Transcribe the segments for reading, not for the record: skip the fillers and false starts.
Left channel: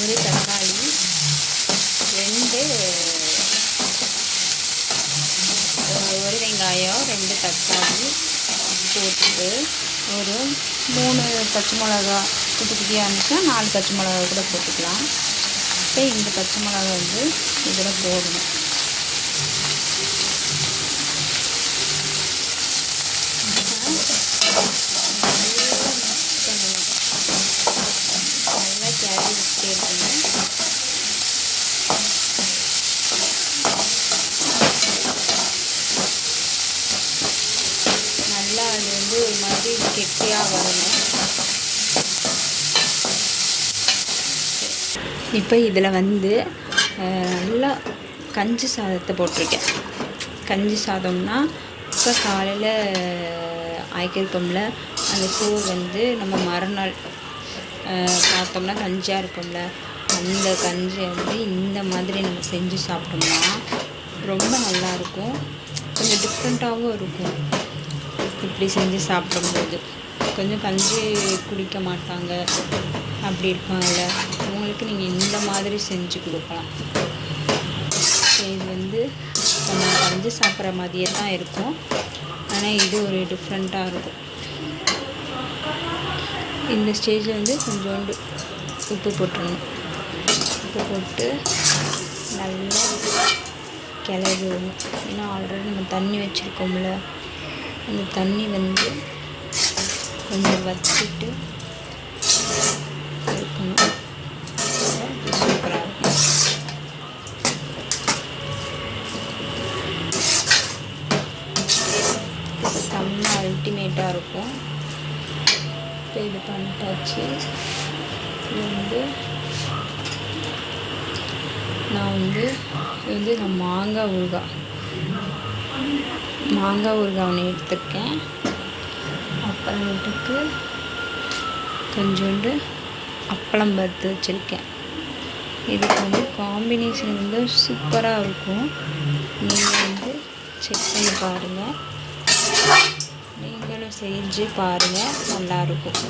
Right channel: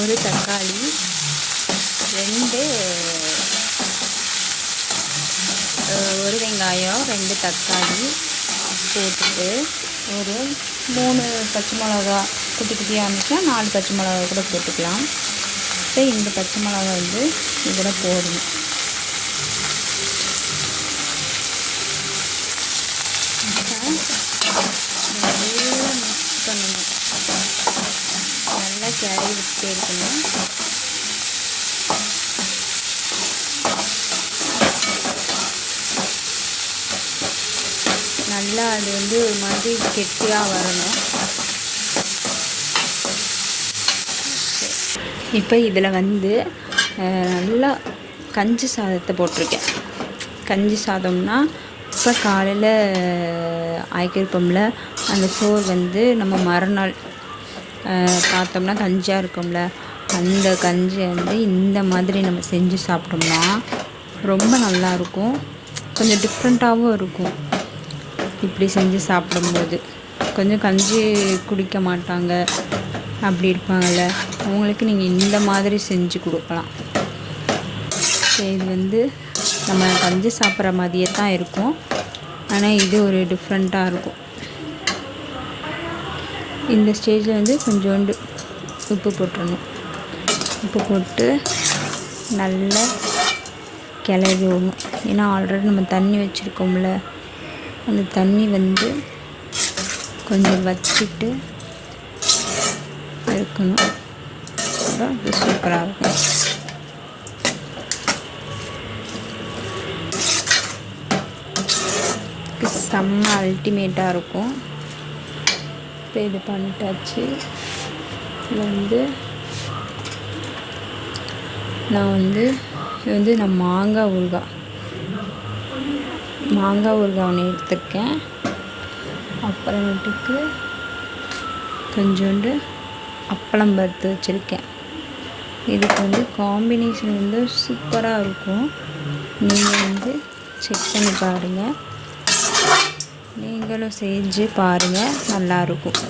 ஒரு தக்காளி, 2 ஒரு வெங்காயம், 2 தக்காளி போட்டுட்டு ஒரு 3 பச்சை மிளகா குட்டி குட்டியாக இருந்துச்சுன்னா 4 பச்சை மிளகா கூட போட்டுக்கலாம். இப்போ இந்த பச்சை மிளகா வந்து இதில் போடணும். நல்லா கிளறி விட்டுட்டே இருக்கணும். நல்லா அது வந்து ஒரு மாதிரி கெட்டியாக வரணும். இப்போ இதில் வந்து நல்லா கஞ்சி சாதத்தை போட்டிருக்கேன். கஞ்சி சாதம்னா இப்போ காலையில் ஆய்க்கிருக்கோம்ல, அந்த சோறு வந்து நம்ம மறுநாள் பார்த்தோம்னா கஞ்சியாக இருக்கும்ல, அந்த கஞ்சியை வந்து இந்த மாதிரி நம்ம செஞ்சு சாப்பிட்டோம்னா ரொம்ப நல்லாயிருக்கும். கொஞ்சம் டிஃப்ரெண்ட்டாகவும் இருக்கும். இப்படி செஞ்சு சாப்பிடும்போது கொஞ்சம் கஞ்சி குடிக்க மாட்டாங்க அப்படி இருப்பாங்கள்ல, அவங்களுக்கு நீங்கள் இந்த மாதிரி செஞ்சு கொடுக்கலாம். இது வந்து நம்ம கஞ்சி சாப்பிட்ற மாதிரியே தான் இருக்கும், ஆனால் இது ஒரு டிஃப்ரெண்ட்டாக இருக்கும். இந்த ஸ்டேஜில் வந்து கொஞ்சோண்டு உப்பு போட்டுடணும். உப்பு போட்டு நல்லா கிளறி விடணும். ஏன்னா ஆல்ரெடி நம்ம தண்ணி வச்சுருக்கோம்ல, அந்த தண்ணி வந்து கொஞ்சம் வச்சுட்டு இருக்கணும். இது சூப்பராக இருக்கும். செம்ம அல்டிமேட்டாக இருக்கும். இப்போ இது பண்ணிட்டாச்சு. இது வந்து நான் மாங்காய் ஊறுகாய் ஒன்று எடுத்துருக்கேன். அப்புறமேட்டுக்கு கொஞ்சோண்டு அப்பளம் பருத்து வச்சுருக்கேன். இதுக்கு வந்து காம்பினேஷன் வந்து சூப்பராக இருக்கும். நீங்கள் வந்து செக் பண்ணி பாருங்கள், நீங்களும் செஞ்சு பாருங்கள். நல்லாயிருக்கும்.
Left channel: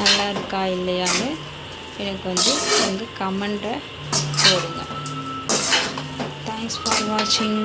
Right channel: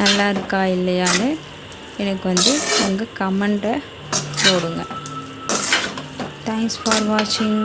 நல்லா இருக்கா இல்லையான்னு எனக்கு வந்து உங்கள் கமெண்ட்டை போடுங்க. தேங்க்ஸ் ஃபார் வாட்சிங்.